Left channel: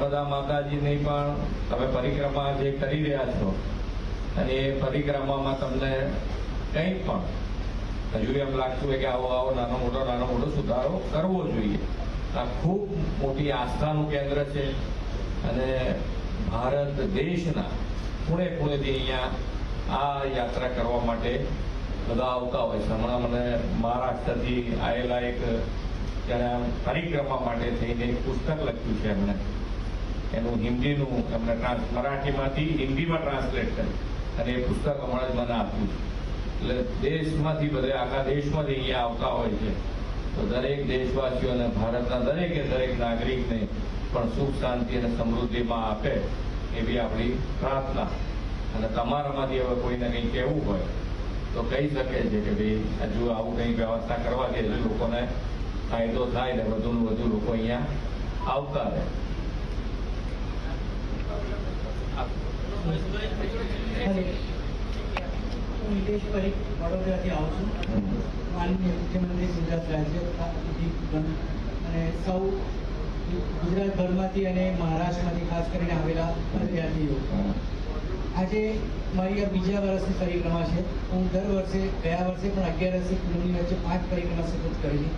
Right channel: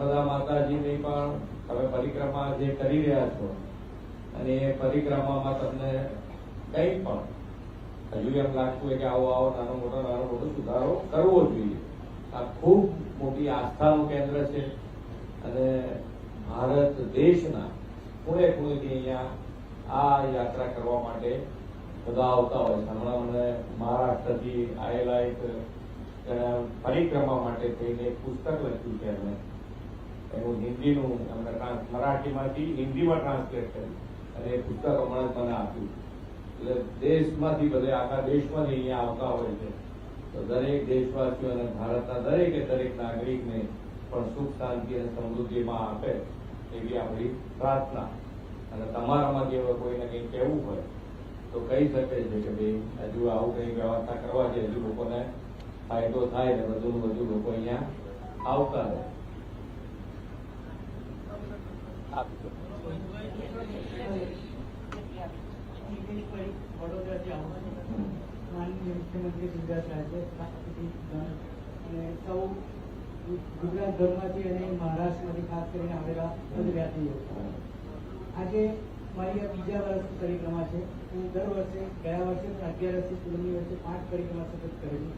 નર્મદા માતાજીની પણ તમે પરિક્રમા જે કરી રહ્યા છો અને એ પરિક્રમામાં તમને કંઈ પણ હજુ એમ લાગતું હોય કે આવો નાનો મોટો સુધારો કરવો જોઈએ. આ ખૂબ મોટી આસ્થાનું કેન્દ્ર છે અને ભારત દેશના ખૂણે ખૂણેથી અહીંયા આ યાત્રા કરવા માટે બધા આવતા હોય છે. હમણાં મને મહારાષ્ટ્રથી આવેલા એક જણા પરિક્રમા માટે થઈને એક પુસ્તક લખ્યું છે એમણે, એનું હિન્દીનું એમને મરાઠીમાંથી હિન્દીમાં ટ્રાન્સલેટ કર્યું અને એ પુસ્તક હમણાં જ મને આપ્યું. એટલે દેશમાંથી બધા આખા દેશમાંથી અહીંયા આવતા હોય છે. તો દરેક દેશવાસીઓને ભારતના દરેક નાગરિકને પણ સુખ શાંતિ અને સમૃદ્ધિમાં આપે એવી આપણી પ્રાર્થના. અને તમારામાંથી હવે કોઈને કંઈ કહેવું હોય તો કહી શકે છે કે ભાઈ હજુ આવું કંઈ વ્યવસ્થા કરવાથી હજુ લોકોને ફાયદો થાય ને વધુને વધુ લોકો અહીંયા આવતા રહે. હું હિતેશ પરીખ વડોદરાથી આવું છું. માનનીય મુખ્યમંત્રી ગુજરાત રાજ્ય અને સૌ ગુજરાતભરમાંથી અને મહારાષ્ટ્રમાંથી ખાસ કરીને આવેલા પદયાત્રીઓ, આજે મારી આ બીજા વર્ષની પરિક્રમા છે. હું ગયા વર્ષે પણ 11 પૂનમની વચ્ચે 5 પરિક્રમા સતત કરેલી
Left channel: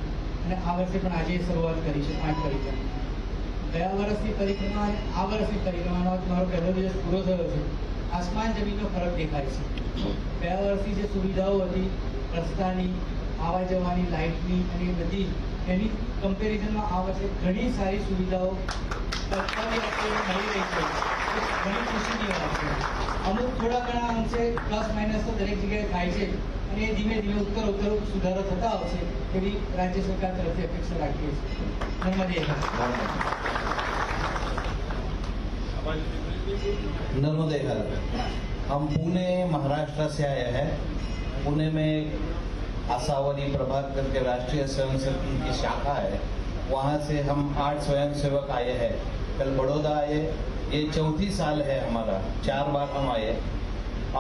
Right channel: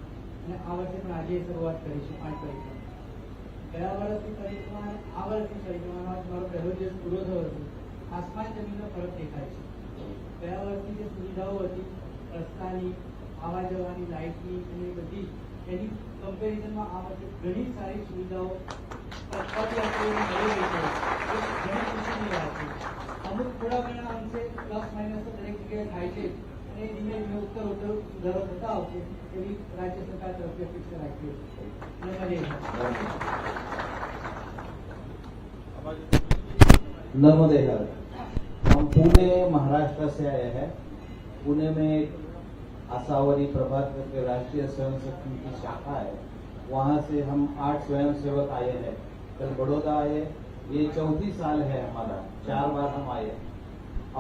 અને આ વર્ષે પણ આજે શરૂઆત કરી છે 5 પરિક્રમા. ગયા વર્ષની પરિક્રમા અને આ વર્ષની પરિક્રમાનો મારો પહેલો દિવસ પૂરો થયો છે. આસમાન જમીનનો ફરક દેખાય છે. ગયા વર્ષની જે સુવિધાઓ હતી રસ્તાની, આવવા જવાની, લાઇટની અને એ બધી એની કમ્પેરિઝનમાં આ વર્ષે ઘણી સારી સુવિધાઓ મળી રહી છે. ઘણી ખુશીની વાત છે. અમુક થોડા ઘણા અંશે પ્લસ માઇનસ તો દરેક જગ્યાએ થાય છે અને એ ધીમે ધીમે ઉત્તર સુધારો થતા આવશે એવી રાજ્ય સરકાર તરફથી અપેક્ષા રાખીએ છીએ. नर्मदे हर। हम पुणे महाराष्ट्र से आए हैं। पुणे में एक आशावरी प्रभात करके राष्ट्रीय स्वयंसेवक की शाखा है, वहाँ से हम 8 स्वयंसेवक आए हैं। कल बड़ौदा आए, ये 4थी साल है हमारा, 4 बार हम आए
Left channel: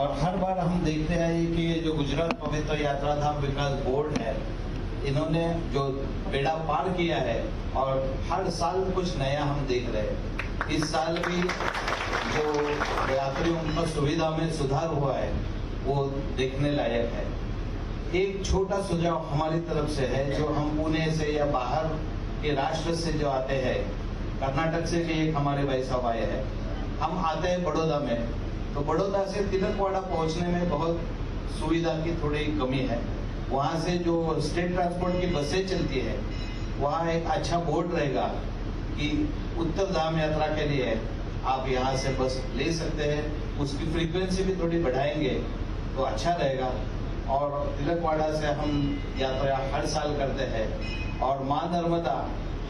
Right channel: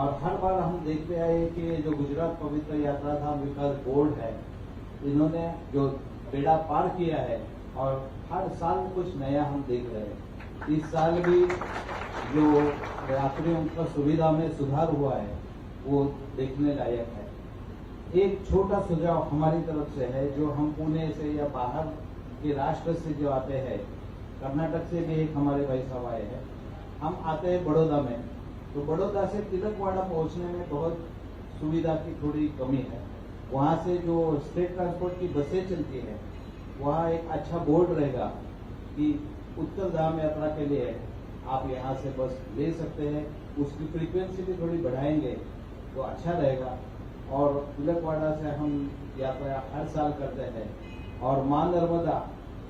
और हर बार हम देखते आए कि जो गुजरात पवित्र यात्रा धाम विकास बोर्ड है, इन्होंने जो बेड़ा पार किया है और हर साल कुछ नया हम देख रहे हैं। इस साल भी जो यात्रियों का सुविधा में सुधार हुआ है वो देखने लायक है। एक छोटा सुझाव हमारी तरफ से है, जो हम पुणे से या बाहर के राष्ट्र से जो आते हैं, कर्नाटक से भी एक हमारे भाई साहब आए हैं, हम आते हैं बड़ौदा में, तो बड़ौदा से तिलकवाड़ा पहुंचने में बहुत सुविधा की थोड़ी कमी है। वहाँ से जो स्टेट ट्रांसपोर्ट की बसें चलती है, वहाँ एक अच्छा बोर्ड रहेगा कि उत्तर धाम यात्रा के लिए आप यहाँ से बस ले सकते हैं। उसकी फ्रीक्वेंसी भी थोड़ी बढ़ाएंगे तो अच्छा रहेगा। और तिलकवाड़ा से हम यात्रा हर साल करते हैं और माँ नर्मदा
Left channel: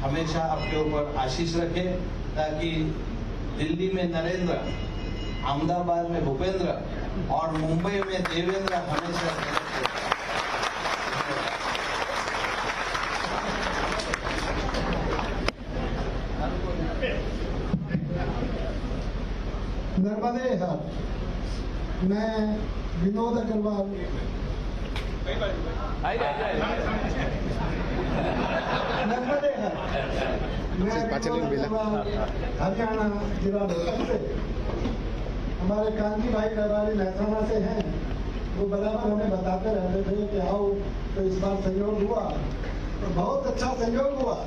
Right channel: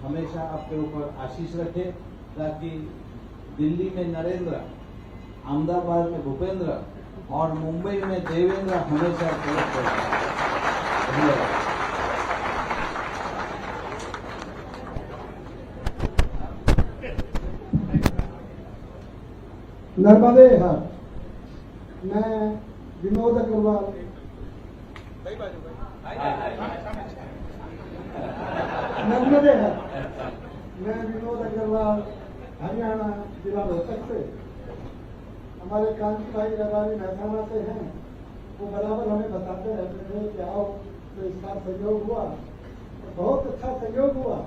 हमेशा आपके ऊपर आशीष रखे, ताकि दिल्ली में नरेंद्र, अहमदाबाद में भूपेंद्र और मुंबई में देवेंद्र हमेशा तिलक करें। नर्मदे हर। मैं विनोद अग्रवाल नर्मदे हर। मैं विनोद अग्रवाल हरियाणा जिला रोहतक से। हमारे कांति भाई करवारी महसाना से हैं, वो बराबर हमें बताते रहते थे कि आओ, तो इस बार संयोग हुआ तो बहुत अच्छा संयोग हुआ।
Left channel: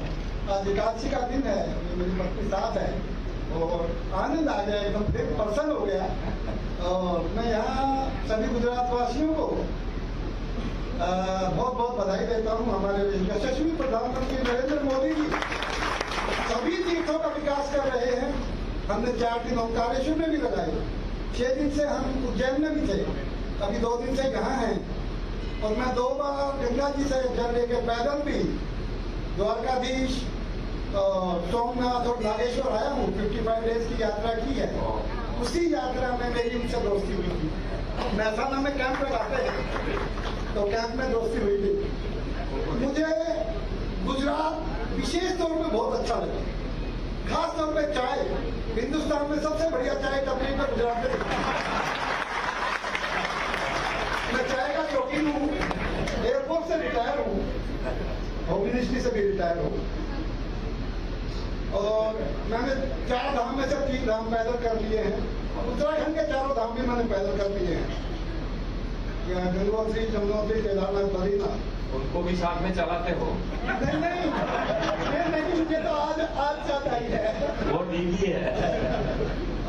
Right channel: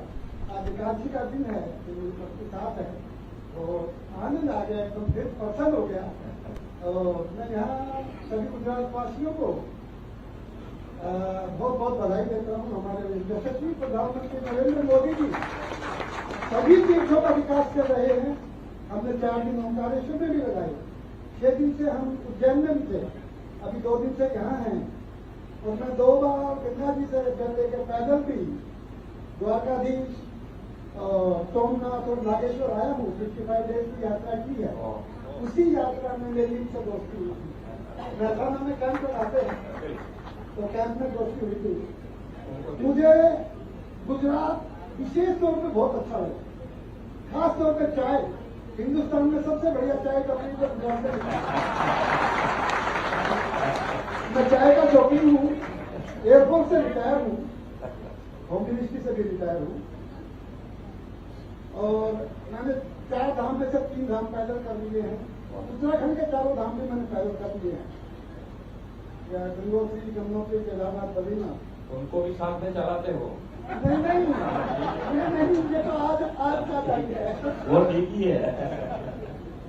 आज एकादशी का दिन है, मेरी पत्नी साथ है और आनंद आ गया, एकदम दिल प्रसन्न हो गया। और मैं यहाँ सभी गुजरात वासियों को बहुत बहुत बधाई देता हूँ। हमारे यशस्वी प्रधानमंत्री नरेंद्र मोदी जी सभी तीर्थों का विकास कर रहे हैं। हमने 4 दिन ओंकारेश्वर में भी लगाए, 6 दिन से हम उज्जैन में भी थे, अभी 2 दिन से यहाँ हैं। और मैं 2 बार गंगा जी से जल लेके पैदल भी द्वारकाधीश और सोमनाथ और नागेश्वर आया हूँ। 55 डेज की यात्रा की है। उसी यात्रा में मेरी उनसे दोस्ती हुई थी। महसाना में कैंप लगाते हैं, तो कैंप में दोस्ती हुई थी। मुझे गुजरात विशेष तौर पे बहुत अच्छा लगा, खास तौर पे चाय। हिंदुस्तान में सबसे बढ़िया चाय टपरी पे गुजरात में दिखता है। मैं चाय का शौकीन हूँ, एयरफोर्स से रिटायर हूँ, होम मिनिस्ट्री से भी रिटायर हूँ। और मैंने 4 धाम में से 3 धाम पैदल कर लिए हैं। उत्तराखंड के 4 धाम भी मैंने पैदल कर लिए हैं, गंगोत्री, यमुनोत्री, केदारनाथ, बद्रीनाथ। उनको भी साथ में चलाते हो? नहीं नहीं, ये तो आज याद आई है। वो ठीक ही है।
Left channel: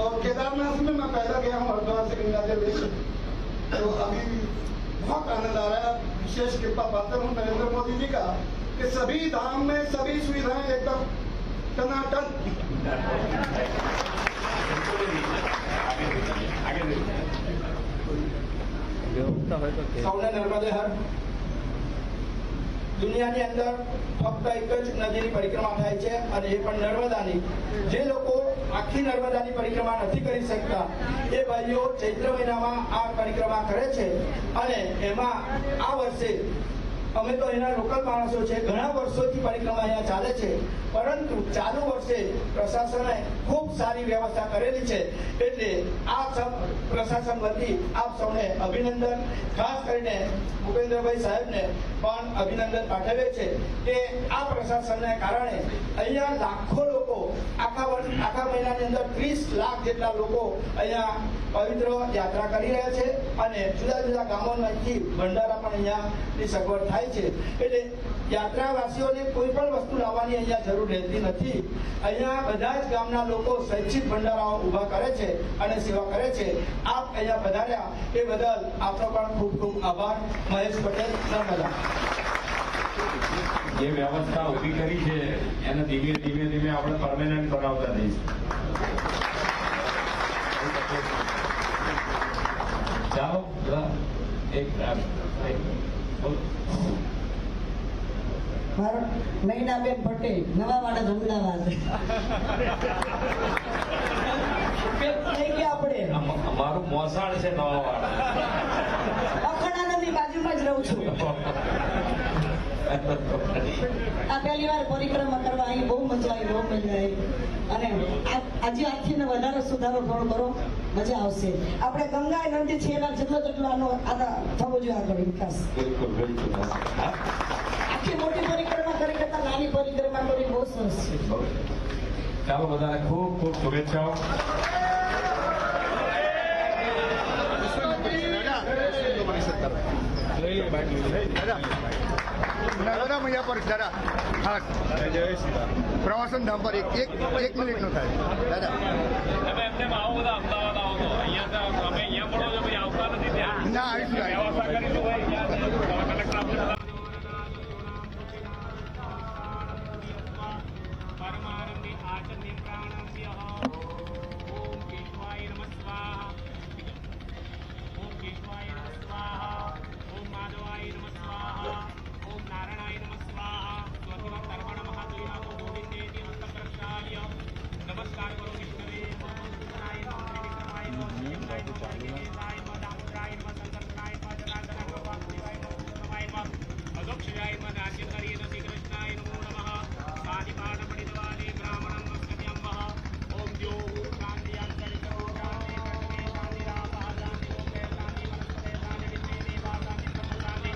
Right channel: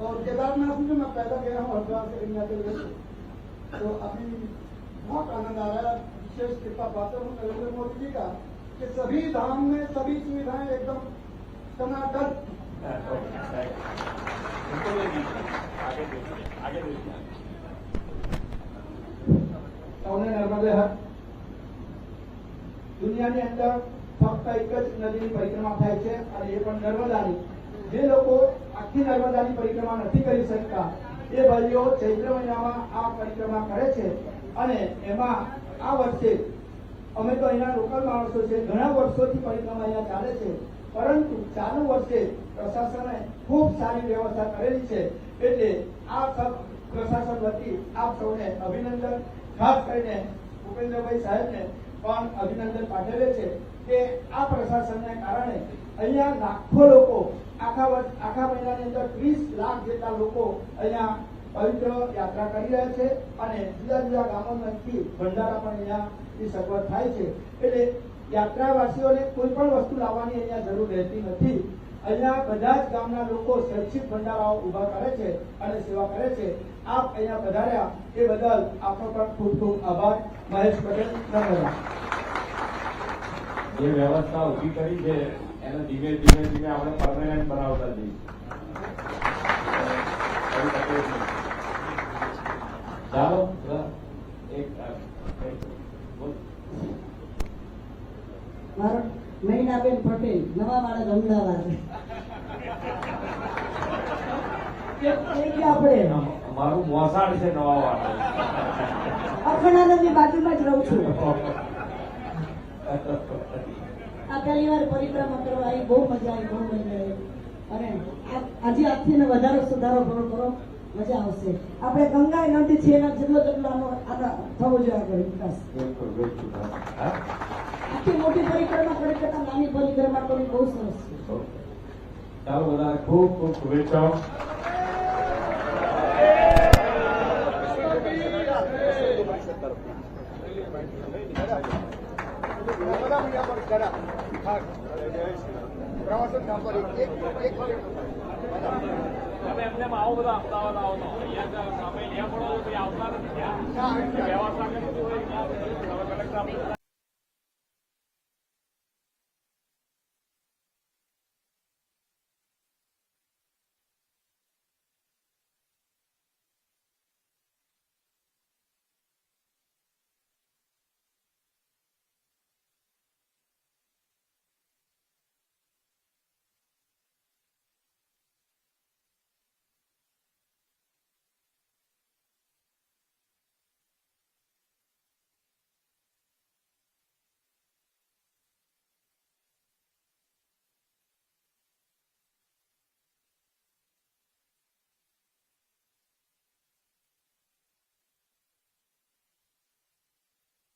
और केदारनाथ में मैं पैदल गया हूँ, हरिद्वार से गंगा जल लेकर। तो अभी बहुत आनंद आ रहा है। विशेष कृपा पात्र हूँ नरेंद्र मोदी जी का कि सभी धाम में सभी सुविधाएं एकदम टनाटन। સૌને નર્મદે હર. દુનિયાની અંદર ફક્ત એક જ નદીની પરિક્રમા થાય છે અને એ પણ નર્મદાની. જે લોકો આખી નર્મદાની પરિક્રમા નથી કરી શકતા એ ભાઈઓ ચૈત્ર મહિનામાં આ પરિક્રમા કરે છે અને એમાં આ વર્ષે અમે તો એના લોકલ માણસો છે, ઘણા વર્ષોથી પરિક્રમા અહીંયા ચાલે છે, પરંતુ ચાલુ વર્ષે પ્રશાસને ખૂબ સારી વ્યવસ્થા કરેલી છે. એટલે આ સબ પ્રશાસન વતી આપ સૌને અભિનંદન, ખાસ કરીને ભૂપેન્દ્રભાઈ સાહેબને પણ અભિનંદન પાઠવે છે કે આ પ્રશાસનને કારણે અહીંયા લાખો લોકો આખા મહિનાની અંદર 30 લાખ જેટલા લોકો અહીંયા પવિત્ર યાત્રા કરી રહ્યા છે અને જુદા જુદા ગામોમાંથી ભંડારા પણ અહીંયાની સગવડ થાય છે. એટલે યાત્રાવાસીઓને કોઈ પણ વસ્તુ લાવવાની અહીંયા જરૂર રહેતી નથી. અહીંયા બધા જ ગામના લોકો સ્વૈચ્છિક ભંડારાઓ ઊભા કરે છે અને સેવા કરે છે. આપ અહીંયા પધાર્યા એ બદલ આપનો પણ ખૂબ ખૂબ આભાર. મહેશ પટેલ, નર્મદા. જે વ્યવસ્થા ઊભી કરી છે એને ધીમે ધીમે આપણે પરમેનન્ટ બનાવતા જઈશું. ચાલો મારો મહિનાબેન પટેલ, નવા માણસ અમદાવાદ. થઈ ગયા આપણે. અમારું મોસાળ છે નવા વાળા. અખંડાનંદની બાજુમાં જ રહું છું. આ પહેલી વાર પરિક્રમા કરવા આવી, બહુ મજા આવી, બહુ મજા આવી. અને આજે આથી વધારે સુધારો થોડો કરો, મજા આવશે. આપણે ગંગા નદી છે એના જેટલો આનો થવો જોઈએ આગળ વિકાસ. આખી મોટી પરિક્રમા કરે કરતા નાની પરિક્રમા કરી બહુ સરસ છે. ચાલો બધાને ખૂબ ખૂબ શુભેચ્છાઓ. પ્રવાસન ધામ પર એક મિનિટ નો થાય દાદા. તમે એમને આવો બધા અમદાવાદ આવો તો અહીંયા અમે અહીંયા પડો ને ભાઈ આવતા નથી ત્યાં ના આવીશું. વ્યવસ્થા કરી તો અહીંયા કલેક્ટર પરમાનંદી આચંદી પ્રાણસ્ય ઓમ કેશવાય નમઃ સ્વાહા ઓમ કેશવાય નમઃ સ્વાહા ઓમ માધવાય નમઃ સ્વાહા ઓમ નારાયણાય નમઃ સ્વાહા સ્વર્ગમ કર્મણ મહાદેવા ગોવિંદેતિ હસ્તપ્રક્ષાલ્ય નમસ્કાર કરો વિષ્ણવે નારાયણ ત્રિવિક્રમાય નમઃ શિવાય નમઃ દામોદરાય નમઃ સંકર્ષણાય નમઃ જનાર્દનાય નમઃ વાસુદેવાય નમઃ નમાય નમઃ અદોક્ષરાય નમઃ નાટ્યકારી નમઃ શ્રી કૃષ્ણાય નમો નમઃ સાનિપાઠ પઠિતવાલે બ્રાહ્મણં મસ્કન્યં ઓમ દ્યો શાંતિયાંતરિકો શાંતિ પ્રજ્ઞે શાંતિરાપઃ શાંતિ લોકે શાંતિ વનસ્પતે શાંતિ વિદ્યે દેવા શાંતિ બ્રહ્મ શાંતિ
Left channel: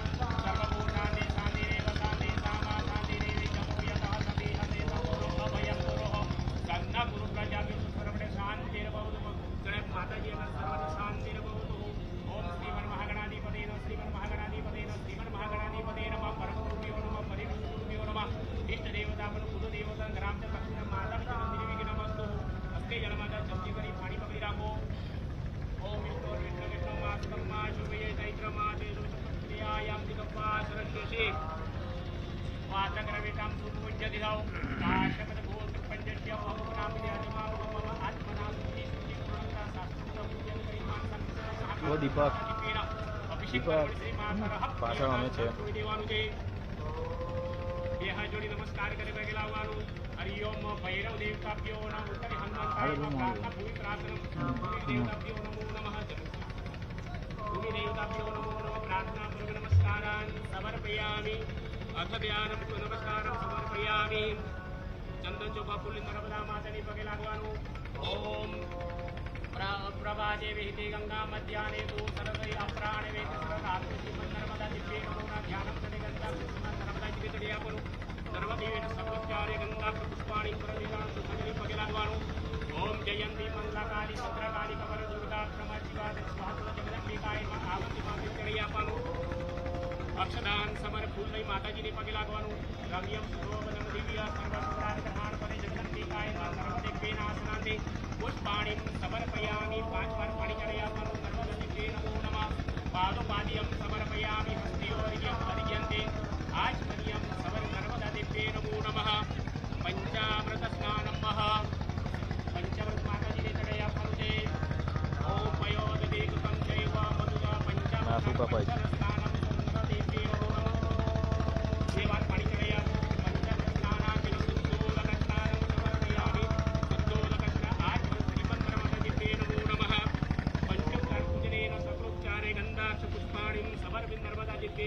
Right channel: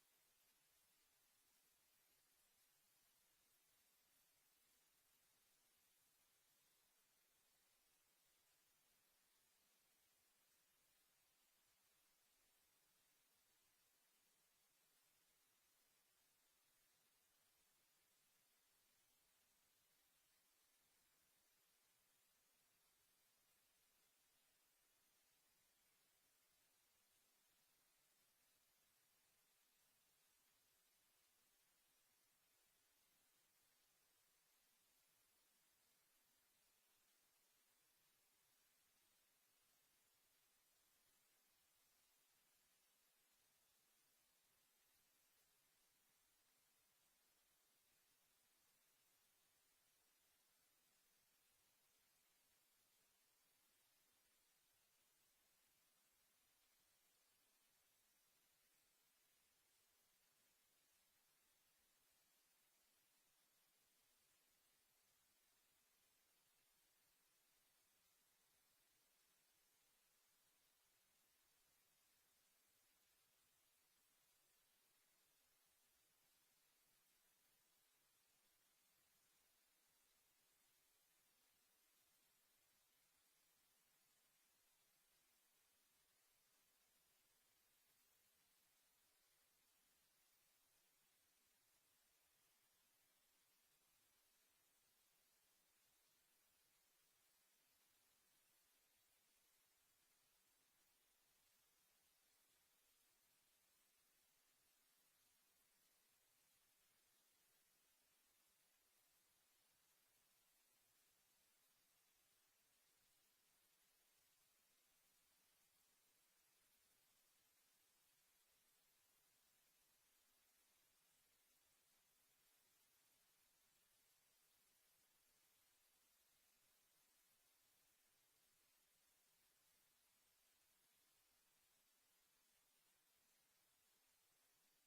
સર્વભૂતાનિ શાંતિરેવ શાંતિ સામા શાંતિ દેવી ચતુર્યતઃ સતિ હતે સમૂઢો અભયં ગુરોઃ સન્ના ગુરુ પ્રજાભ્યો સર્વડે શાંતિર્ભવતુ ગણેશ માતાજીના સર્વને શાંતિર્ભવતુ ઓમ શ્રીમન મહાગણાધિપતે નમઃ શ્રીમન મહાગણાધિપતે નમઃ શ્રીમન મહાગણાધિપતે નમઃ પરમગુરુભ્યો નમઃ પરિગુરુભ્યો નમઃ ઇષ્ટ દેવતા પણ કુલ દેવતા ગ્રામ ચ લક્ષ્મી માતા પિતા મંદિર નમસ્તુ અસ્તે જન્માદા જલ્દી કરી પાણી પકડી રાખો. ઓમ વિષ્ણુ વિષ્ણુ વિષ્ણુ માસ્તમ મા શુભયે ચૈત્ર મા તે ક્રિયાયામ દિગપ્પા સરસ્વતી વાતગ્રવિતામ સુપૂજ્ય દિધાઓ કાશ્યપત ભૂત પંચસ્ય ભવનામ વિદ્યાનિમા મમ આત્મના સુખી સુખી પૂર્ણતા શાસ્ત્રમ પૂજ્ય પરિમાણ સંત ઓ દીપક. અભિષેક શ્રી માતા પાછળ અમે છે. દેવાનું છે. બે હાથ જોડી નમસ્કાર કરી પગે લાવવાનું. હરિઓમ ભૈરવ દેવતાભ્યો નમઃ ઉત્તરે હનુમંતાય નમઃ પ્રાર્થના ભૂમિ પ્રાર્થના ભૂમિ દેવતાભ્યો નમો નમઃ ભૂમિ દેવતાભ્યો નમો નમઃ પ્રાર્થના પૂર્વ નમસ્કારાન સમર્પયામિ અથ ધ્યાનમ તુ નમસ્કારમ સમર્પયામિ. ચંદન ચોખા ફૂલ નર્મદા માતાની પગે લાગવાનું. ઓમ પ્રભાતે વિહિતે ગંગા મધ્યાને તુ સરસૈ અપ્રાણે વેદ સરધાતુ શ્રીમદ નર્મદા દિવ્યે નમોના ધ્યાનમ તડે ગંગા નર્મદા જીવે તડે આપનું સર્વદેવેન સર્વોચ્ચારે ગંગા પુષ્પાણી પરમેલા સુખજરી પગે लागवाणु ओम जयंती मंगलाकाली भद्रकाली कमल दुर्गा क्षमा शिवा स्वाहा जगदंबिकाय नमः आवती माते चढ़ी आपવાનું અક્ષદાન સમર ફૂલ લઈ માતાજીને પગે લાગવાનું રમ્યમ શોભનમ દિવ્ય સર્વસુરાર ગ્રહણ કરે જગદંબિકાય નમઃ નર્મદે પેનાસનાંતે પુષ્પાણિ સમર્પયામિ 5 વાર પાણી ચડાવી આપવાનું નર્મદે નમો નમઃ પાદોપાદ્યમ સમર્પયામિ હસ્તિયોર્યમ અર્ઘ્યંતે આચમન્યમ સવર નર્મદા દિવ્યે નમો નમઃ પંચામૃત સ્નાનમ પંચામૃત માતાજીને ચડાવી આપવાનું છે ઓમ પયોદિકમ ચૈવ મધુરા પંચામૃત સ્નાનમ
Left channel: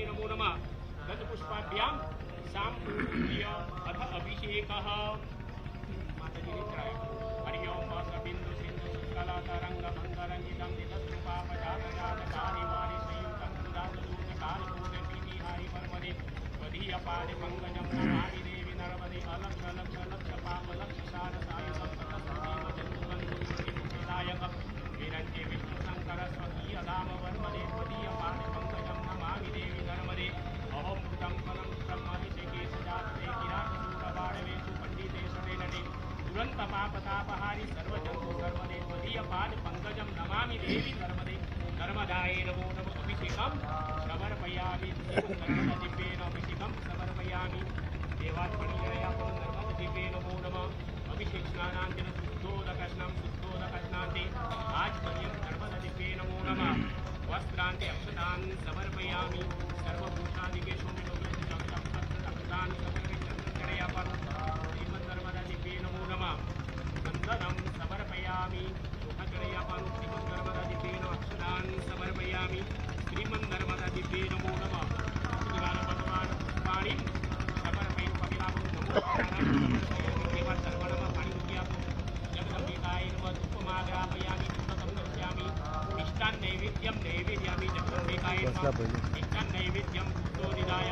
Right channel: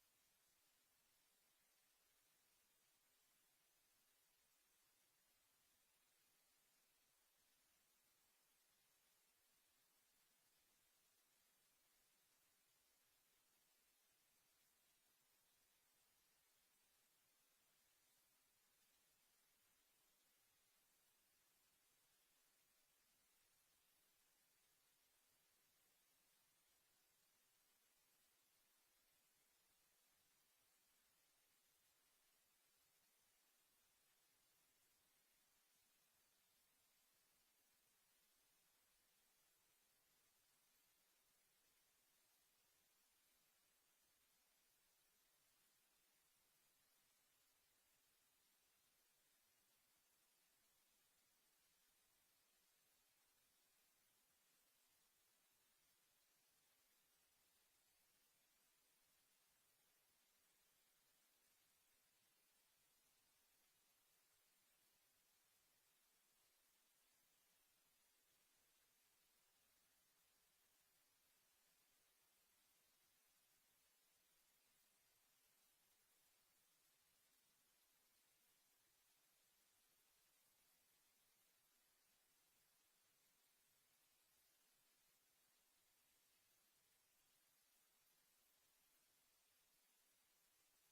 नमो नमः गंधपुष्पाभ्यां शाम्पूर्य अथ अभिषेकः माताजी ने चढ़ाया हरि ओम बिंदु सिंधु शुक्ला तरंग मंगरंजितम निदत्रुपापजातजातकारि वारि संयुतं सुदासदूतकालभूते पीतिहारि पर्वदे वधीय पादे पंकजं नमामि देवी नर्मदे अलक्ष लक्ष लक्ष पाप लक्ष सार सायुधं ततस्वतीमजन्मबन्धुमुक्तिदायक विरञ्चे विष्णु शंकर स्वकीय धाम वर्मदे वधीय पादे पंकजं नमामि देवी नर्मदे अहं कृतं फलं ब्रह्मभिषेके सजाते किरातशूलबाणवेषु पण्डिते सवेनटे दुरन्तपापतापहारि सर्वजन्तु सर्वदे त्वदीय पाद पङ्कजं नमामि देवी नर्मदे नर्मदायै नमो नमः अभिषेकं समर्पयामि नर्मददिव्येन अभिषेकं समर्पयामि देवात्मनिजयापं नर्मददिव्ये नमो नमः अभिषेक स्नानान्तेन शुद्धोदकस्नान्ते आचमन्यं नर्मददिव्ये नमो नमः वस्त्रान्ते अक्षतान् समर्पयामि सर्वभूषादिकेषु अक्षतान् समर्पयामि श्रीमन्नर्मदादिव्ये नमो नमः वन्दनं समर्पयामि चढ़यापानु श्रीमन्नर्मदादिव्ये नमः अक्षतान् समर्पयामि श्रीमन्नर्मदादिव्ये नमो नमः भगवान् पुष्पाणि समर्पयन् पविलाभं नमो देवा सर्वणम पाणि मुक्यापो जगदम्बिकाय नमः धूपमाग्रापयामि धूपकं दर्शयामि मिष्टान् नैवेद्यं नैवेद्यामि जगदम्बिकाय नमः मिष्टान् नैवेद्यं भूतोदिदाय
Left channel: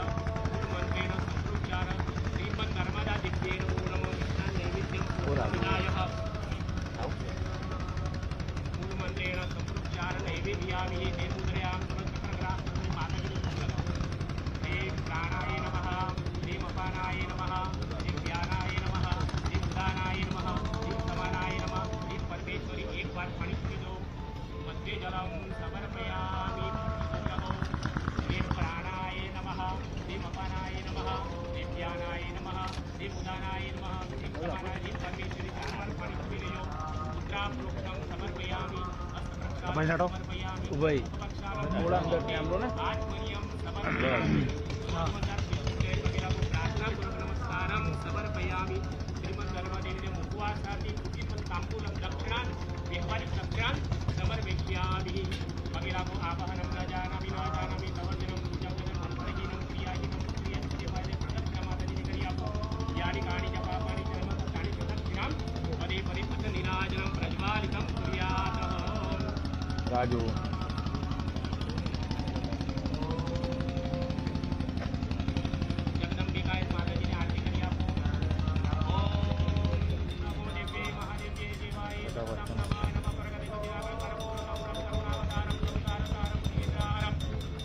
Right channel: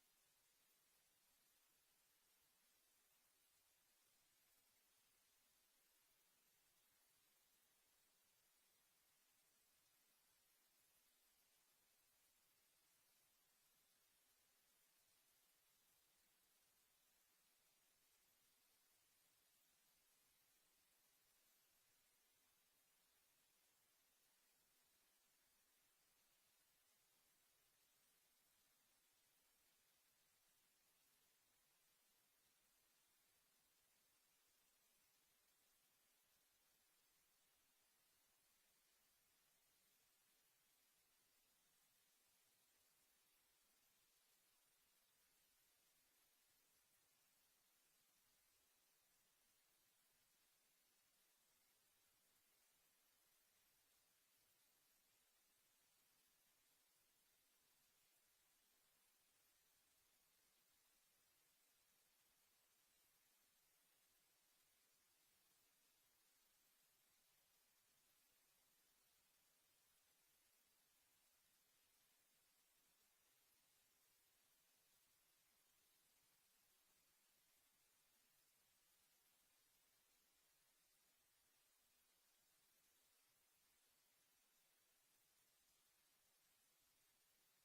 गुरुमन्त्रेण संप्रोच्चार श्रीमन्नर्मदादिव्ये नमो नमः मिष्टान् नैवेद्यं भूतोदिदाय गुरुमन्त्रेण संप्रोच्चार नैवेद्यामि ते मुद्रयां समस्तप्रग्रां माताजी हे प्राणाय नमः हे अपानाय नमः हे ज्ञानाय नमः हे उदानाय नमः हे समानाय नमः हे परमेश्वरी एक बार पाणी पी दो मध्ये जलम समर्पयामि हे प्राणाय नमः हे अपानाय नमः हे ज्ञानाय नमः हे उदानाय नमः हे समानाय हे परमेश्वरी चार बार पाणी पी लो मुद्रा प्रोक्तम समर्पयामि समर्पयामि उभय थोड़ा अंदर के हम लोग ना आत्मनियम समर्पयामि प्रार्थना पूर्वक नमस्कारं समर्पयामि श्रीमन्नर्मदेवीने मुखवासाति कुटिपं ताम्बूलं दक्षिणान् व्यवहारिक दक्षिणान् समर्पयामि भगिरामो आवाहनं न जानामि तवर्जनं पूजावजनं मन्त्रहीनं क्रियाहीनं क्रियादेवाय प्रदक्षिणमाताजीने करी आपो यानि कानि च पापानि च नमस्कानि च दक्षिणां पदे परिपुत्र निराजनं प्रज्वालितं कुर्यात् राजू जगदंबिकाय माताजीने आरती करी आपो ओम नमो देवे महादेव्ये देवाय नमः नमः प्रगति गतिरागं परमोरं करुणावतारं संसारसारं श्रीधारं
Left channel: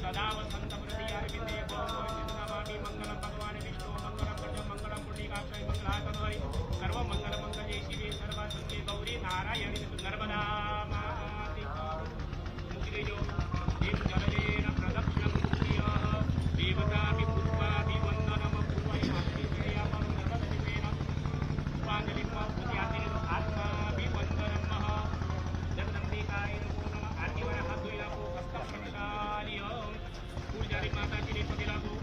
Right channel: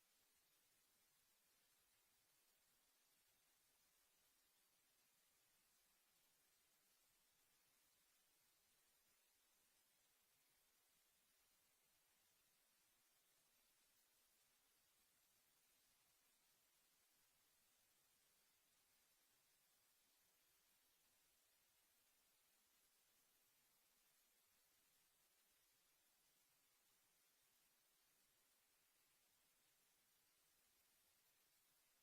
सदा वसन्त प्रतियार्विन्दे नमामि मंगलं भगवान् विष्णु मंगलं प्रजं मंगलं पुण्डिकाक्षय मंगलाकरी सर्वमंगलमंगले शिवे सर्वासुते गौरी नारायणी नर्मदा माति मुक्तियो देव जलेन प्रदक्षिणं कुर्याः देवताभि पुष्पाभिवन्दनं पूर्वयामि नर्मददिव्येन पुष्पाञ्जलिं पूजयामि आत्माभिवन्दनं जगदम्बिकाय नमो नमः आदिवर हाथ धोई लागो हस्त प्रक्षाल्य पूजारी माताजीने पगे लागो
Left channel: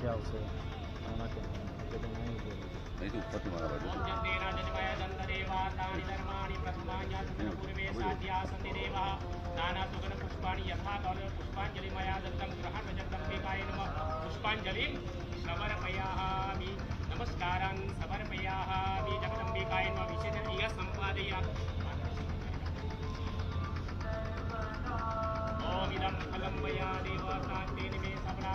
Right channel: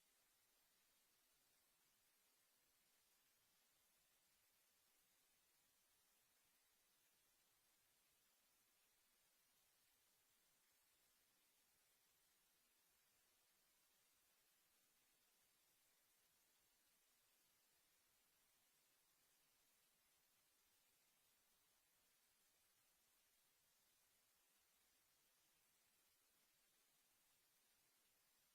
क्या उसे आना के नहीं नहीं तो ऊपर तुम्हारा ओम जन्ते राजनिवाय दन्तदेवा तानि धर्माणि प्रथमान्यासन्न पूर्वे साध्यासन्ति देवः नानासुगन पुष्पाणि यथा कौल पुष्पाञ्जलिमया दत्तं गृहाण जगदम्बिकाय नमः पुष्पाञ्जलिं समर्पयामि नमस्कारान् समर्पयामि जगदम्बिकाय नमः विशेषेण इह सम्पादयामि ओम इदं फलं मया देवतान्ते निमे सबला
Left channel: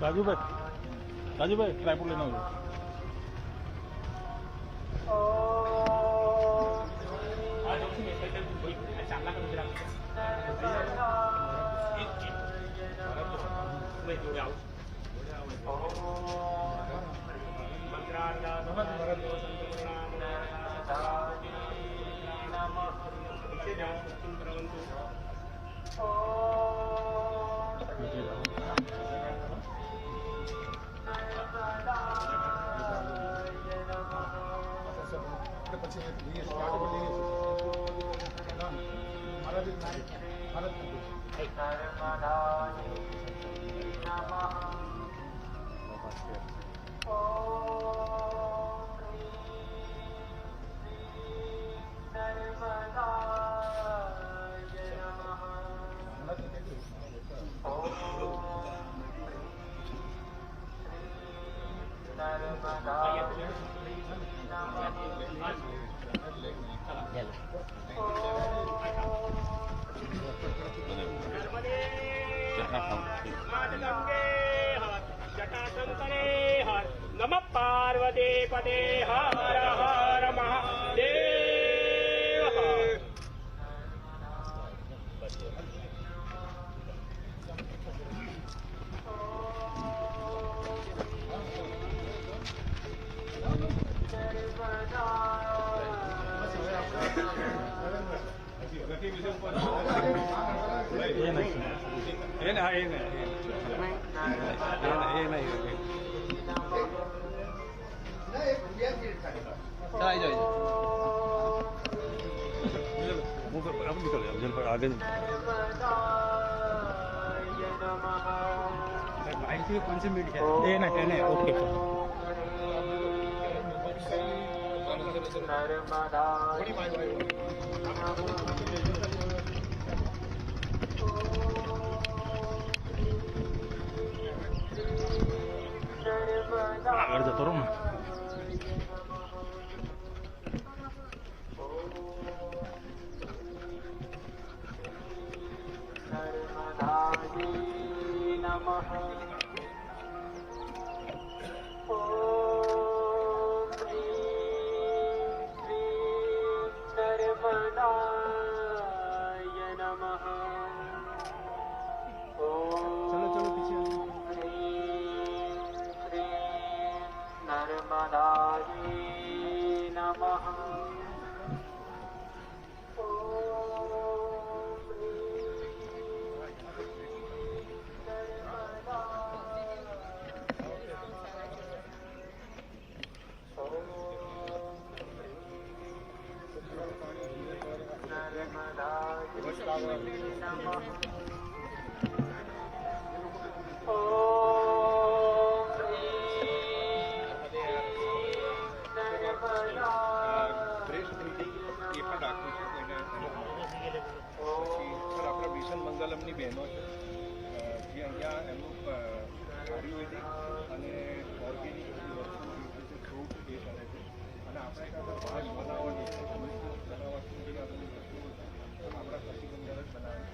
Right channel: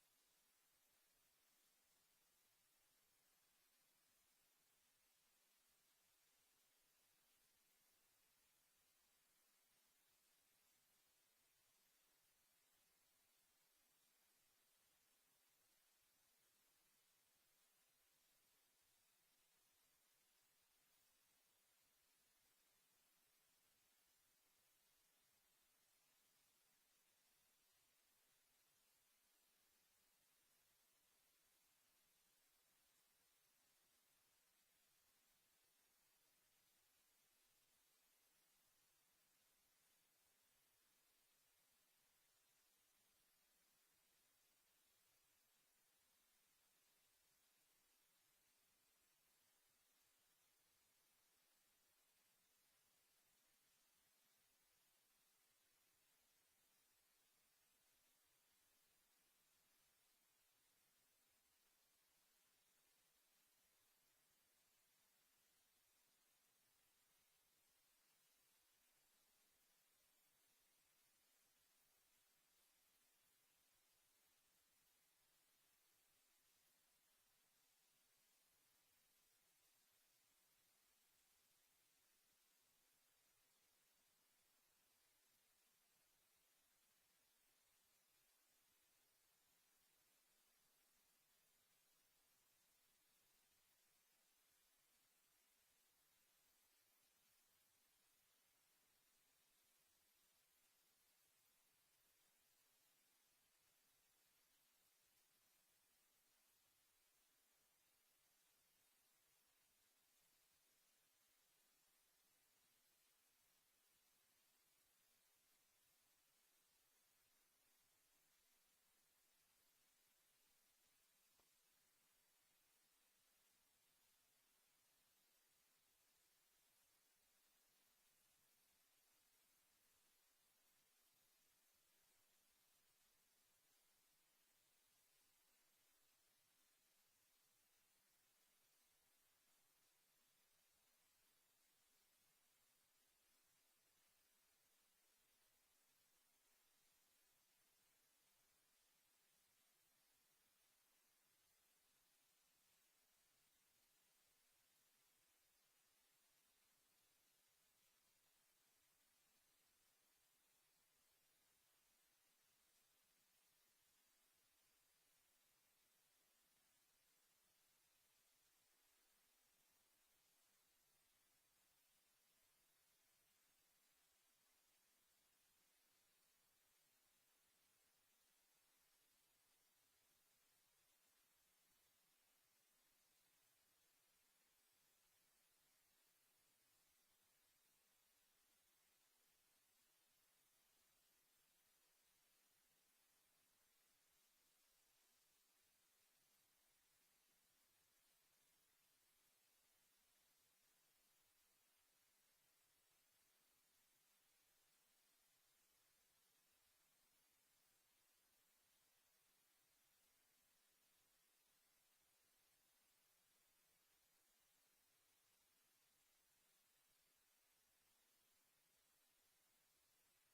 રાજુભાઈ ટ્રાયપોડ લઈને આવજો. नम पार्वती पदे हर हर महादेव. આગળ જતો રહો ને. મંગલમની બહેનો છે જે અહીંયા એમનું આયુર્વેદિક અને ઓર્ગેનિક ફ્રૂટ એ કરે છે અને આપણે કાંઈ બહાર બનાવવાની બનાવવાની જે આપણી વસ્તુઓ આપણા કૃષિ બંદર જ બનાવે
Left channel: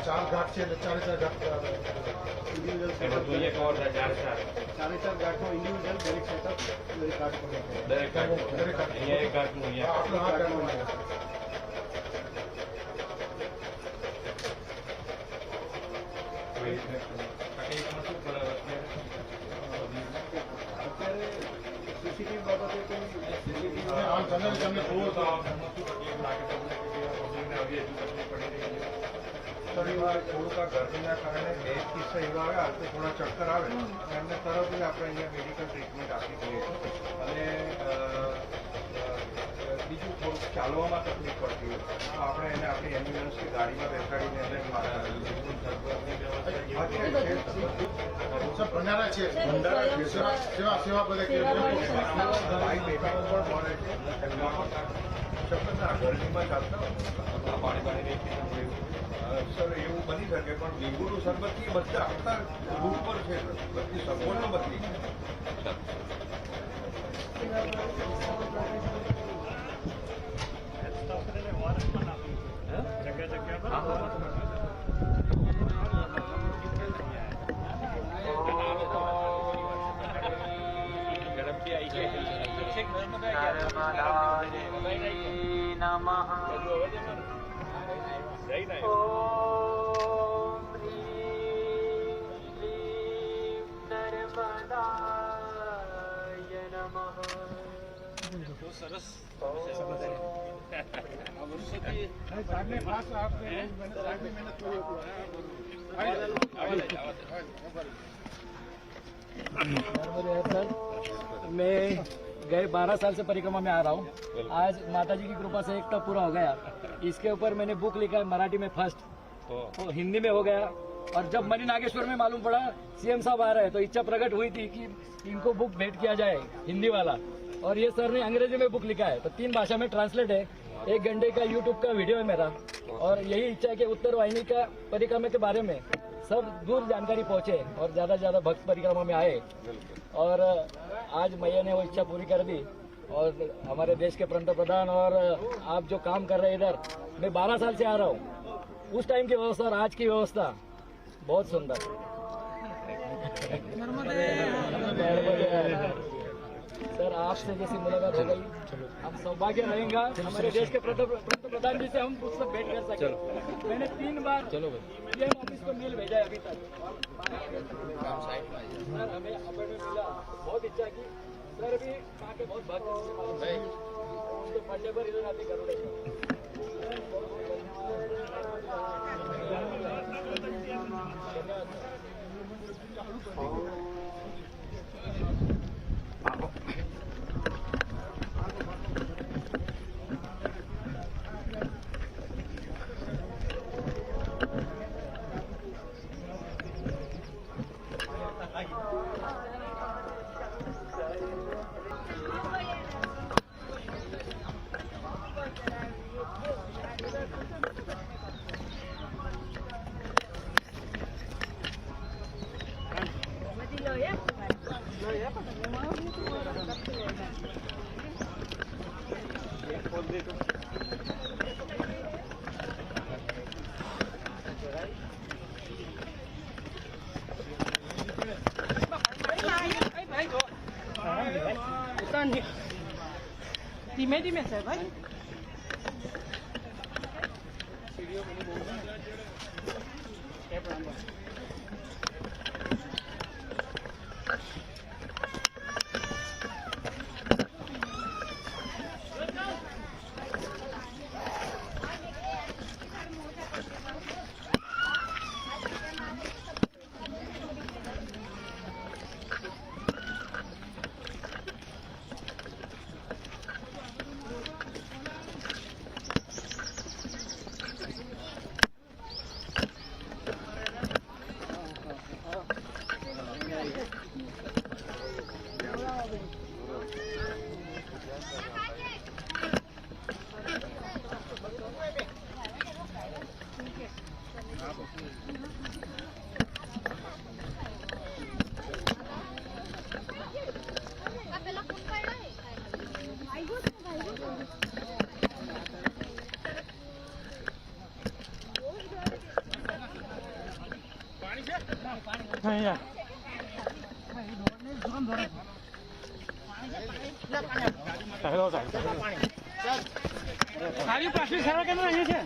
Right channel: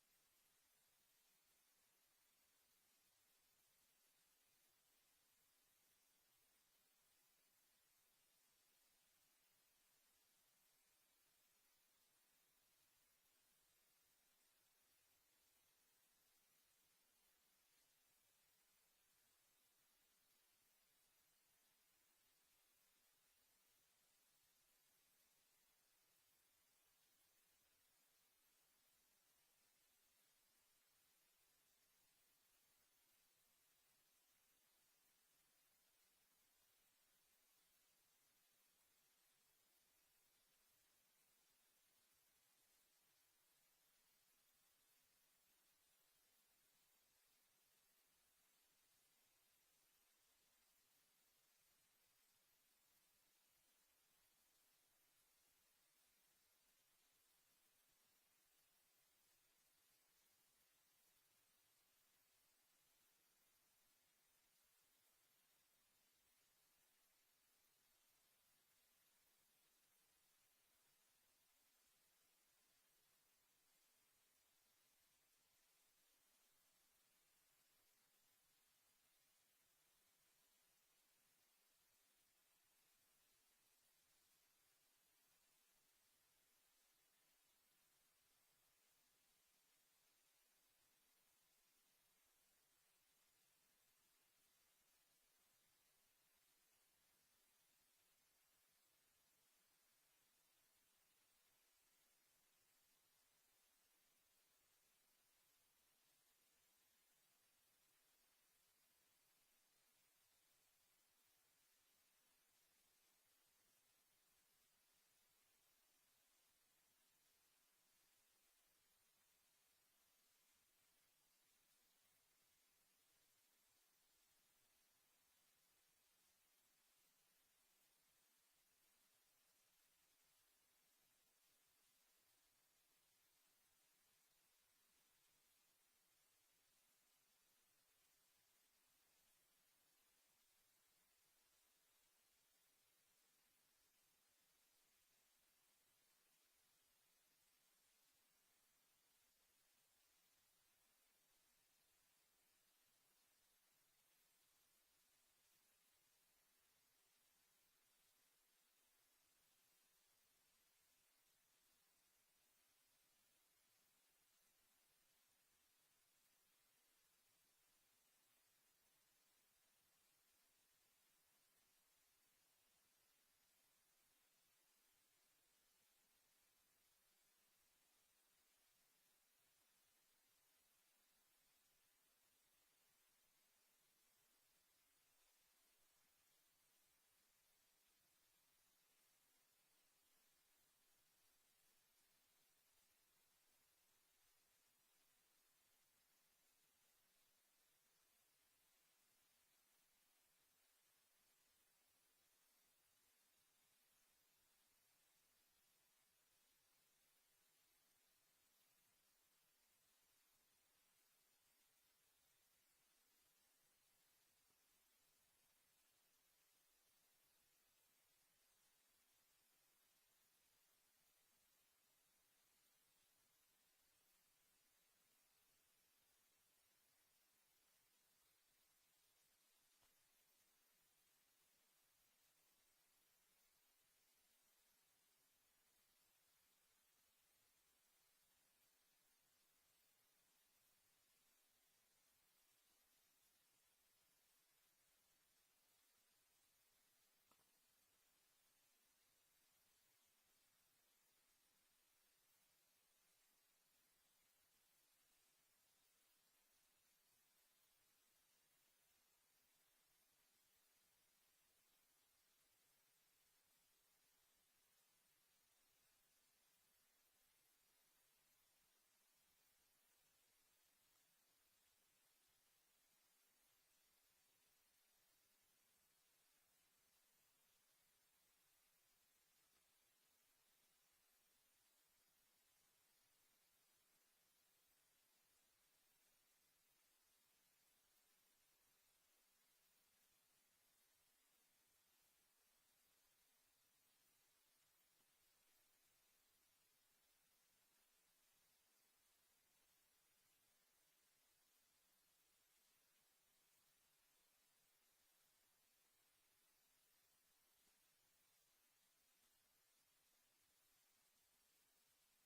चार घाट से चार घाट इंडिविजुअल चार घाट में इंडिविजुअल दरेक सेटअप दरेक घाट पर दरेक घाट एक घाट में आपलो हाथ करना है અત્યારે સીસીટીવી બાબતે કોઈ આ જનરલ તમને થોડું તો લાગે તમને કે પબ્લિકને આવી હજુ તકલીફ પડી રહી છે શનિવાર થોડુંક આ ગરમીના કારણે 2 કિસ્સા એવા આવ્યા તો થોડા ચક્કર આવે એમને તરત જ આપણે અહીંયા મેડિકલ ટ્રીટમેન્ટ આપી દઈએ છીએ અને બીજું થોડુંક ચાલવામાં તકલીફ પડતી હોય તો આપણે એને આપણી એમ્બ્યુલન્સની ગાડીમાં બેસાડીને એને ભંડારા છે સેવા બધે ભાઈ બેટાઓ પણ મળે છે ગરમીમાં ચાલતા સર એવું બની શકે પણ લીંબુનું શરબત બધા આખા રૂટ પર છે બધી સગવડો બદલી मैं गए 12 साल से परिक्रमा में आ रहा हूँ। आज माता जी की कृपा से एक टप पूरा हो गया। इसके ऊपर मैंने बुक लिखा है मराठी में फर्स्ट, तो हिंदी में हो गया। और जब मणि नागेश्वर में मालूम पड़ा सीएम साहब आ रहे हैं तो इच्छा प्रकट हुई थी कि इनको बुक भेंट किया जाए हिंदी वाला। और ये सर ने अंग्रेजी में बुक लिखा है तो 3 भाषा में ट्रांसलेट है। 1 घंटे का यूट्यूब का वीडियो है मेरा और यही इच्छा है कि उत्तर वाहिनी का परिक्रमा के बारे में सब दूर जानकारी पहुंचे और ज्यादा से ज्यादा भक्त परिक्रमा में आए। और आज मैया ने वो इच्छा पूरी कर दी। और हमारे देश के पंतप्रधान और आप जो काम कर रहे हैं इधर, मैं 12 साल से आ रहा हूँ। उस टाइम की व्यवस्था और आज की व्यवस्था बहुत सुंदर। सर आपसे जैसी मुलाकात हो गई, हम सौभाग्य रहेगा हमारे देश के पंतप्रधान जी से हम पुस्तक भेंट कर सके। मैंने 3 बार पीएम ऑफिस को मेल भेजा है अभी तक। सर हमें अपॉइंटमेंट मिला, बहुत इच्छा की। सर भी आके बहुत भाग्य उनके बर्थडे पर इधर आते करोड़े ધીમે ધીમે સાહેબ ભાઈ સારી પ્લાસ્ટિક સારા કેમ અહીં છે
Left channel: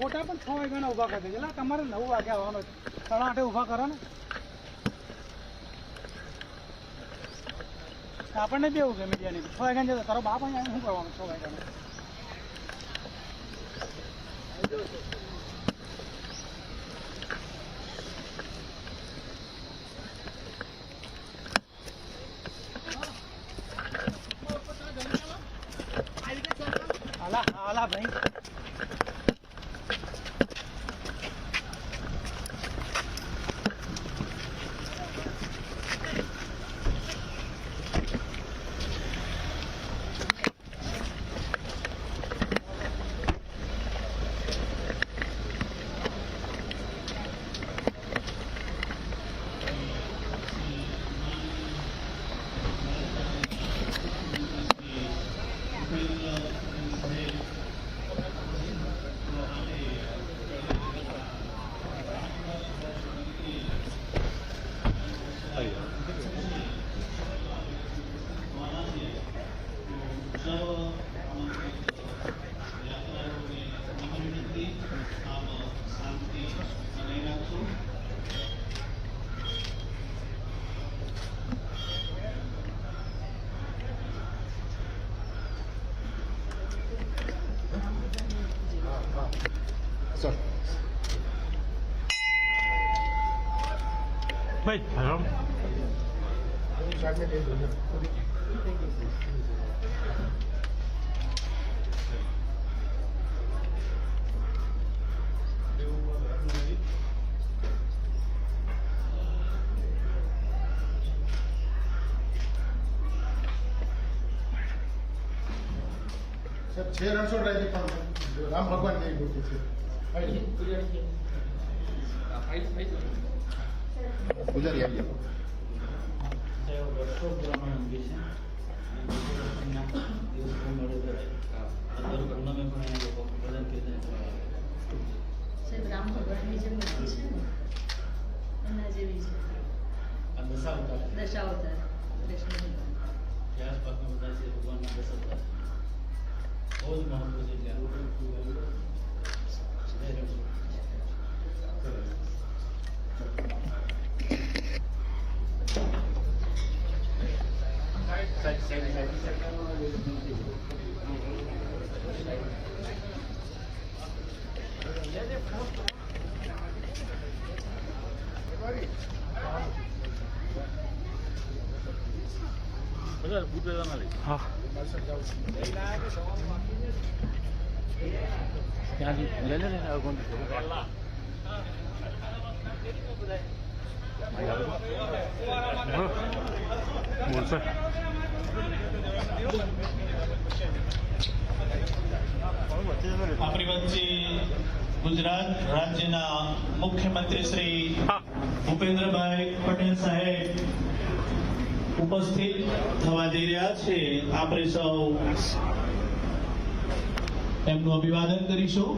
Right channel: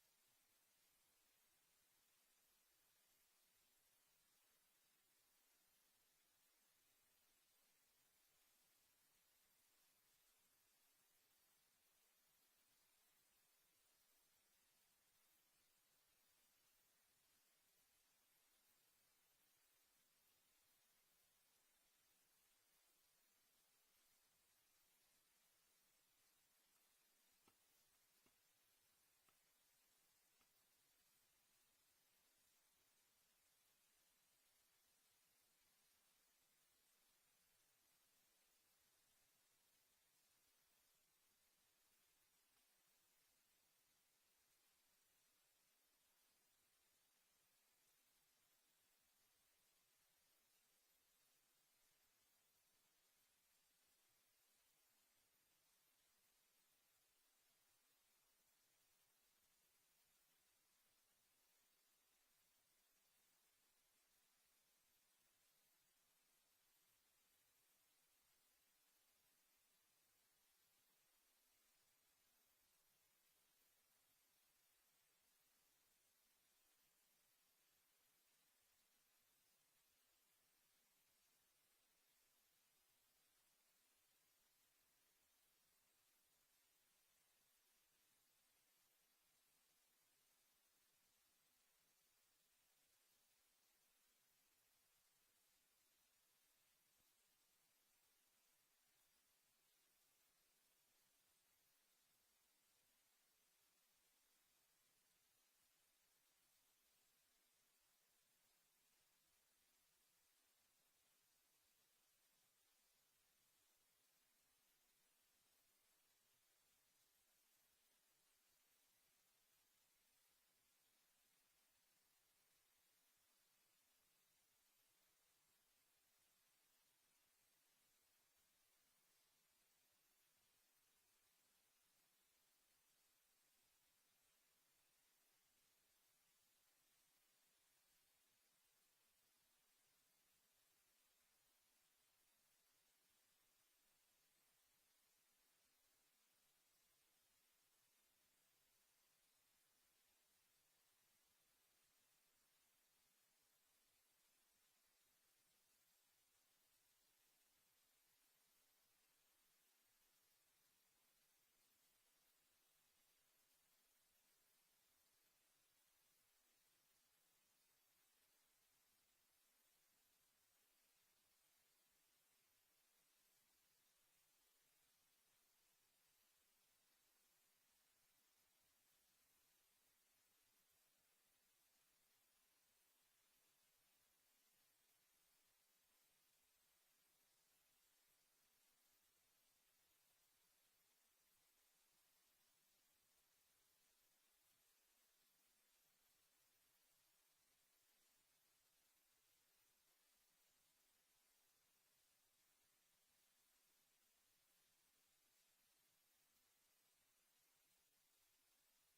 ખોટા પણ 6 વાગ્યાના ઉભા કરી દેજો તમારે 9 વાગે આવવાનો છે. તળાટે ઊભા કરો ને આપણને બી એવું કે મીડિયાની 6 વાગ્યાને જતો તારો બાપ અહીંયા શું કરવાનું 6 વાગ્યાને આલા ભાઈ ભાઈ હરામ સાહેબ 6 રણછોડરાયજી પણ રામ ભગવાનની મૂર્તિ છે પૂજારી આવી રામ ભગવાનની જે મૂર્તિ છે ને એના જેવી છે દશાવતાર કૃષ્ણ આસપાસના બધા છે ભગવાનના દશાવતાર બહુ જ મહત્વ છે બધા બુટ ના લઈ હા ત્યાંથી લે લે કોણ બોલશે આપણી વચ્ચે ગુજરાત રાજ્યના મુખ્યમંત્રી શ્રી ભૂપેન્દ્રભાઈ પટેલ સાહેબ ઉપસ્થિત થવા જઈ રહ્યા છે. આપણે સૌ એમનું અભિવાદન કરીશું.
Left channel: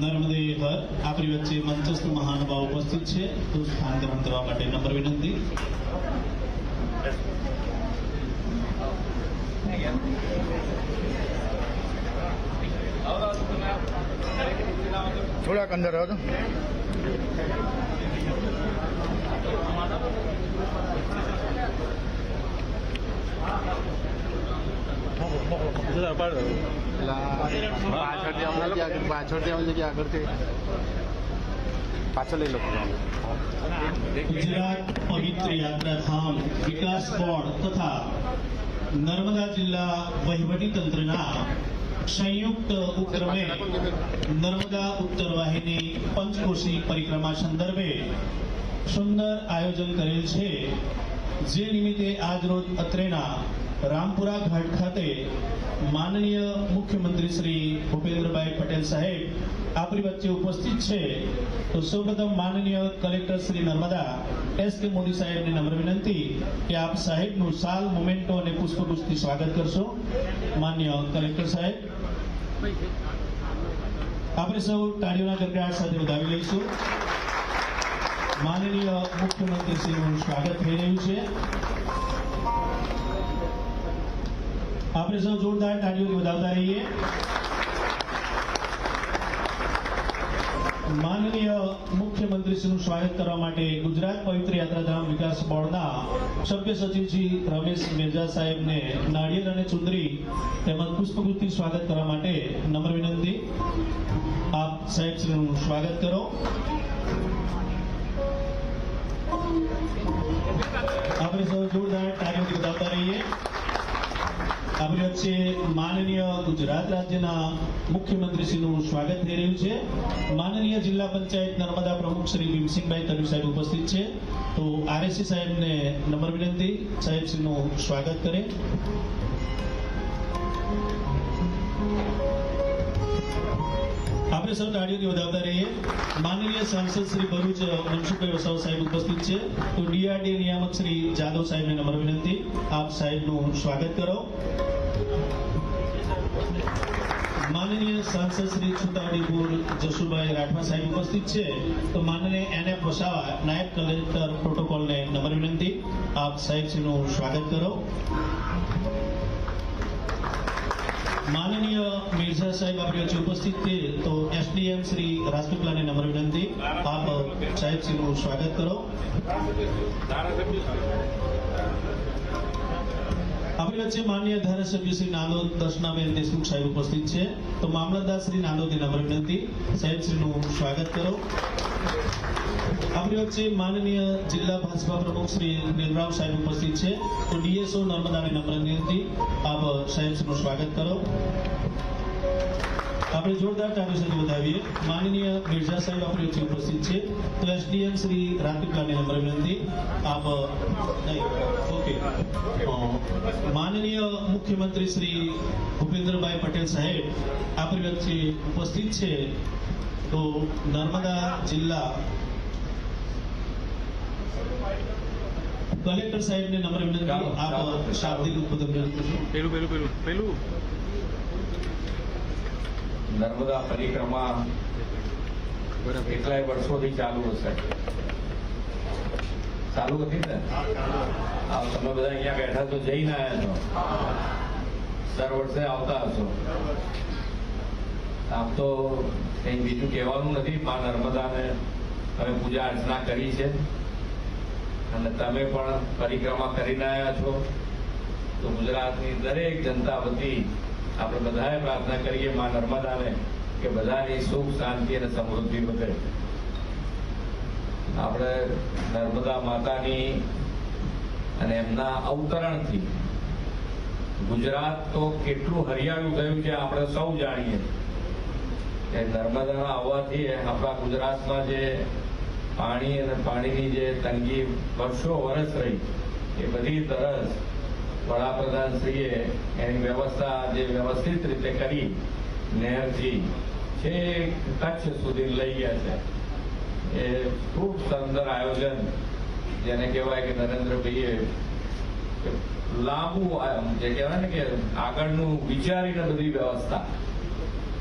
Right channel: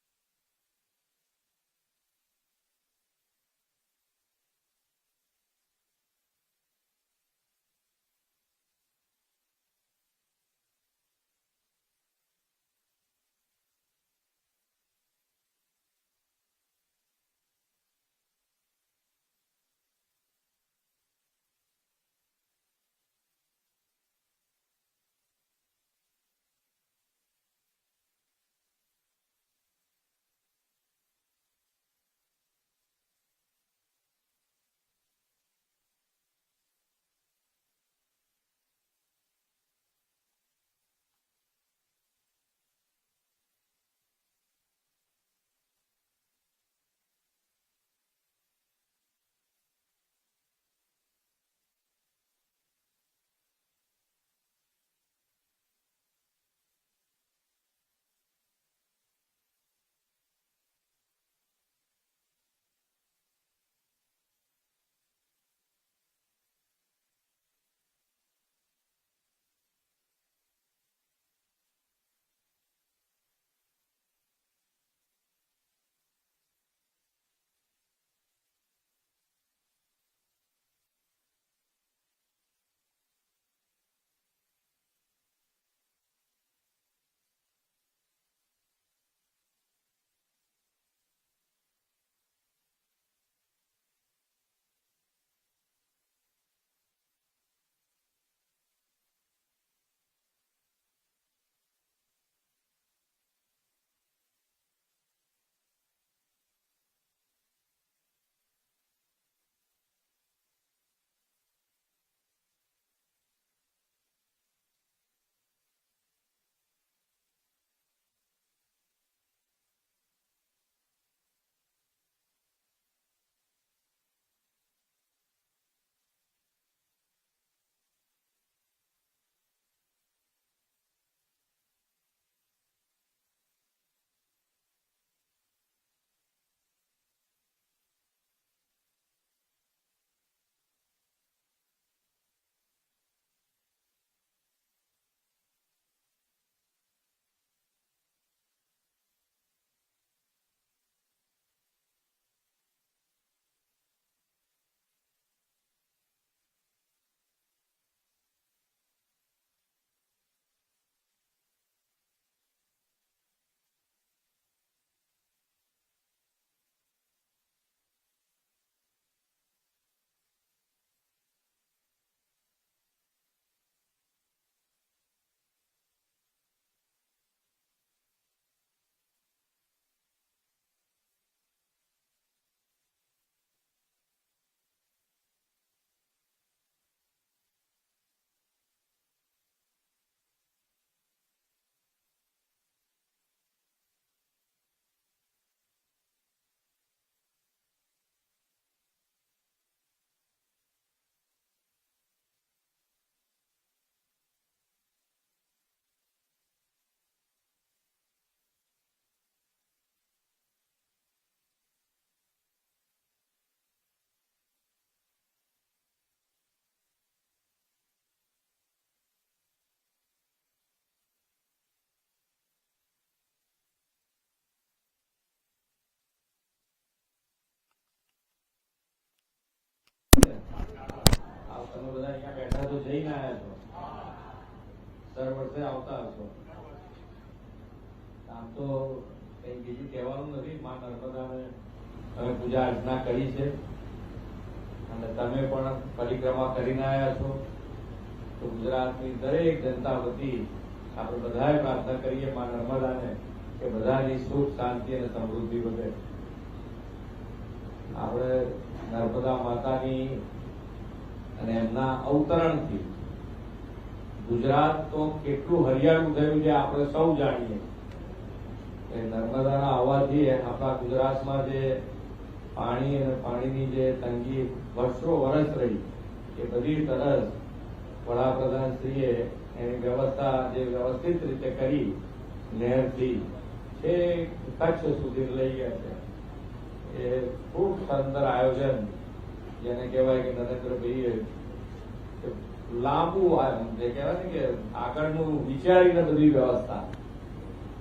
નર્મદે હર. આપણી વચ્ચે મંચસ્થ મહાનુભાવ ઉપસ્થિત છે, તો સ્થાન ગ્રહણ કરવા માટે નમ્ર વિનંતી. થોડાક અંદર આવજો. ગુજરાત પવિત્ર યાત્રાધામ વિકાસ બોર્ડ તથા નર્મદા જિલ્લા વહીવટી તંત્રના સંયુક્ત ઉપક્રમે નર્મદા ઉત્તર વાહિની પંચકોશી પરિક્રમા સંદર્ભે સુંદર આયોજન કરેલ છે. જે નિમિત્તે આજરોજ અત્રેના રામપુરા ઘાટ ખાતે માનનીય મુખ્યમંત્રી શ્રી ભૂપેન્દ્રભાઈ પટેલ સાહેબ આપણી વચ્ચે ઉપસ્થિત છે. તો સૌપ્રથમ માનનીય કલેક્ટર શ્રી નર્મદા એસ કે મોદી સાહેબને નમ્ર વિનંતી કે આપ સાહેબનું સાલ મોમેન્ટો અને પુષ્પગુચ્છથી સ્વાગત કરશો. માનનીય કલેક્ટર સાહેબ, આપણે સૌ તાળીઓના ગડગડાટ સાથે વધાવી લઈશું. માનનીય મુખ્યમંત્રી શ્રીનું સ્વાગત થઈ રહ્યું છે. આપણે સૌ જોરદાર તાળીઓથી વધાવતા રહીએ. માનનીય મુખ્યમંત્રીશ્રીનું સ્વાગત કરવા માટે ગુજરાત પવિત્ર યાત્રાધામ વિકાસ બોર્ડના સભ્ય સચિવ શ્રી રમેશ મિર્ઝા સાહેબને નાળિયેર અને ચુંદડી તેમજ પુષ્પગુચ્છથી સ્વાગત કરવા માટે નમ્ર વિનંતી. આપ સાહેબશ્રીનું સ્વાગત કરો. આપણે સૌ જોરદાર તાળીઓથી વધાવતા રહીએ. આપણી વચ્ચે માનનીય ગુજરાત રાજ્યના મુખ્યમંત્રીશ્રીનું સ્વાગત થઈ રહ્યું છે. માનનીય જિલ્લા પંચાયત નર્મદા પ્રમુખ શ્રી ભીમસિંહભાઈ તડવી સાહેબ ઉપસ્થિત છે. તો આરએસસી સાહેબને નમ્ર વિનંતી સાહેબશ્રીનું સ્વાગત કરે. આપણે સૌ તાળીઓથી વધાવતા રહીએ. માનનીય સાંસદ શ્રી ભરૂચ મનસુખભાઈ વસાવા સાહેબ ઉપસ્થિત છે. તો ડીઆરડીએ નિયામક શ્રી જાદવ સાહેબને નમ્ર વિનંતી આપ સાહેબનું સ્વાગત કરો. માનનીય સાંસદ શ્રી છોટાઉદેપુર જશુભાઈ રાઠવા સાહેબ ઉપસ્થિત છે. તો માનનીય એને વસાવા નાયબ કલેક્ટર પ્રોટોકોલને નમ્ર વિનંતી આપ સાહેબશ્રીનું સ્વાગત કરો. માનનીય મિર્ઝા સાહેબ આપણી વચ્ચે ઉપસ્થિત છે. તો એસડીએમ શ્રી રાજપીપળાને નમ્ર વિનંતી આપ સાહેબશ્રીનું સ્વાગત કરો. આપણી વચ્ચે માનનીય ધારાસભ્ય શ્રી નાંદોદ દર્શનાબેન દેશમુખ સાહેબ ઉપસ્થિત છે. તો મામલતદાર શ્રી નાંદોદને નમ્ર વિનંતી સાહેબશ્રીનું સ્વાગત કરો. આપણી વચ્ચે માનનીય જિલ્લા ભાજપા પ્રમુખ શ્રી નીલરાવ સાહેબ ઉપસ્થિત છે. તો ડીએસઓ નર્મદાને નમ્ર વિનંતી આપ સાહેબશ્રીનું સ્વાગત કરો. આપણે જોરદાર તાળી સાથે વધાવીએ. માનનીય મિર્ઝા સાહેબ આપણી વચ્ચે ઉપસ્થિત છે. તો એસડીએમ શ્રી રાજપીપળાને નમ્ર વિનંતી આપ ઓકે. માનનીય મુખ્યમંત્રી શ્રી ભૂપેન્દ્રભાઈ પટેલ સાહેબ આપણી વચ્ચે ઉપસ્થિત છે. તો નર્મદા જિલ્લા કલેક્ટર સાહેબને નમ્ર વિનંતી આપ શાબ્દિક ઉદ્બોધન પેલું નર્મદા પરિક્રમા કેટલાય વર્ષોથી ચાલુ હશે. ચાલુ હતી ને? તમે બધા અહીંયા બેઠા તો જઈને આવ્યા છો, દર વર્ષે આવતા હશો. આમ તો કંઈ બીજું કહેવાનું નથી. મા નર્મદાને અમે પૂજા અર્ચના કરી છે અને તમે પણ પરિક્રમા કરીને આવ્યા છો. તો ગુજરાતની દરેક જનતા વતી આપણે બધાએ પ્રાર્થના કરીએ મા નર્મદાને કે બધાની સુખ શાંતિ અને સમૃદ્ધિ વધે. આપણે નર્મદા માતાની અને એમના અવતરણથી ગુજરાત તો કેટલું હરિયાળું થયું છે આપણે સૌ જાણીએ. કે નર્મદાના આવવાથી આપણા ગુજરાતમાં જે પાણી અને પાણીની જે તંગી વર્ષો વર્ષ રહી એ બધી તરસ વડાપ્રધાનશ્રીએ એની વ્યવસ્થા જે વ્યવસ્થિત રીતે કરી નહેરથી છેક કચ્છ સુધી લઈ ગયા છે. એ ખૂબ સુંદર આયોજન જેને કહેવાય કે નરેન્દ્રભાઈએ લાંબુ જે કહેવાય ને કે આગળનું વિચારીને બધી વ્યવસ્થા